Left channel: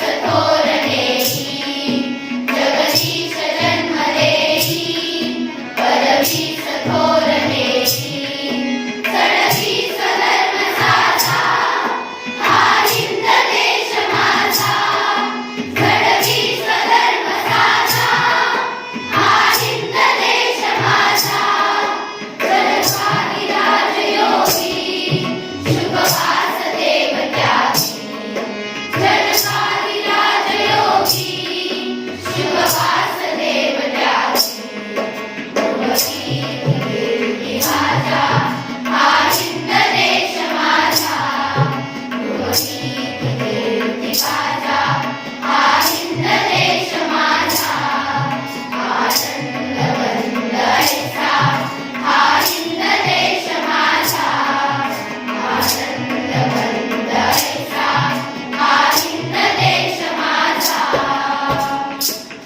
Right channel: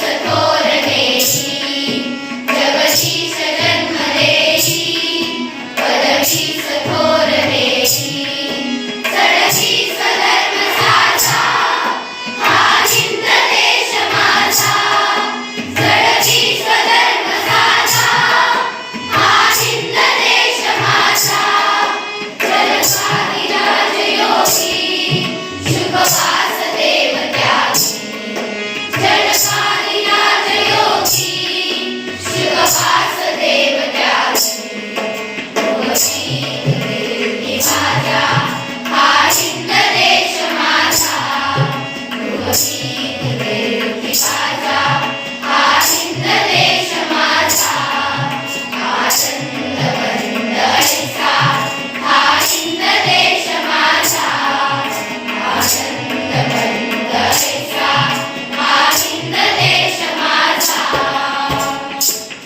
no Amen.